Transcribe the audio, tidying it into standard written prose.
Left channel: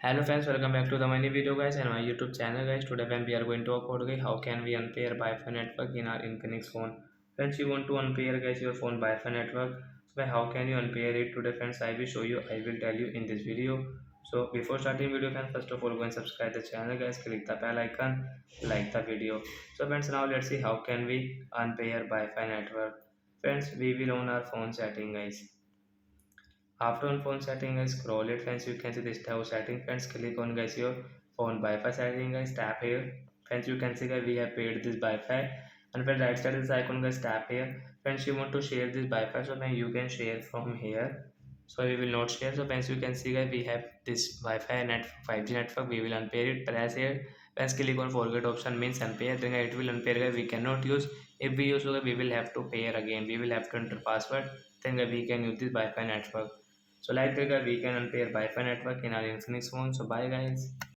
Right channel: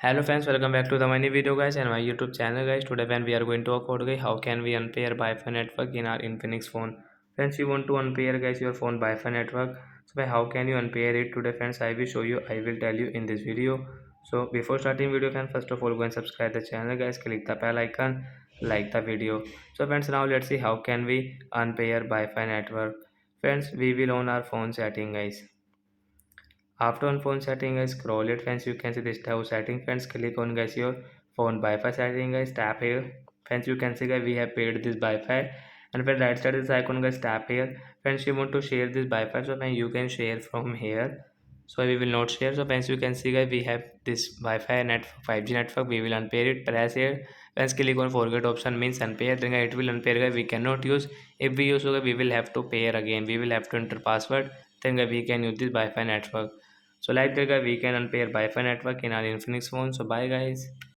Hello friends, welcome back to the mini video guys and my YouTube channel guys. Today when we are going to talk about guys how can we unpair Wi-Fi network in our Infinix phone. Friends, you want to unpair guys your phone Wi-Fi network. So by how can you unpair it today friends? I will show you. I will tell you in this video. So before starting video friends, first of all go and subscribe the channel guys. Click the bell icon, like the video. So friends, now let's see how can we unpair Wi-Fi network. Friends, we will on our phone setting guys. After on phone setting guys, scroll it friends, you can see this type of setting friends. Click on guys your phone Wi-Fi setting guys, tap here friends. You can see guys we have paid this Wi-Fi, and when right side is icon guys, tap here friends. You want to share this Wi-Fi, so when you can share from here, so we will not share. So friends, you can see guys we have this Wi-Fi net 5G network. We will unpair it. Press here friends, click on forget option means unpair, then it will unpair guys. We cannot use. If we use, so we will have to pair again. We will have to enter password, then we can use this Wi-Fi network. So like that guys, we can unpair Wi-Fi network in our Infinix phone. So bye guys.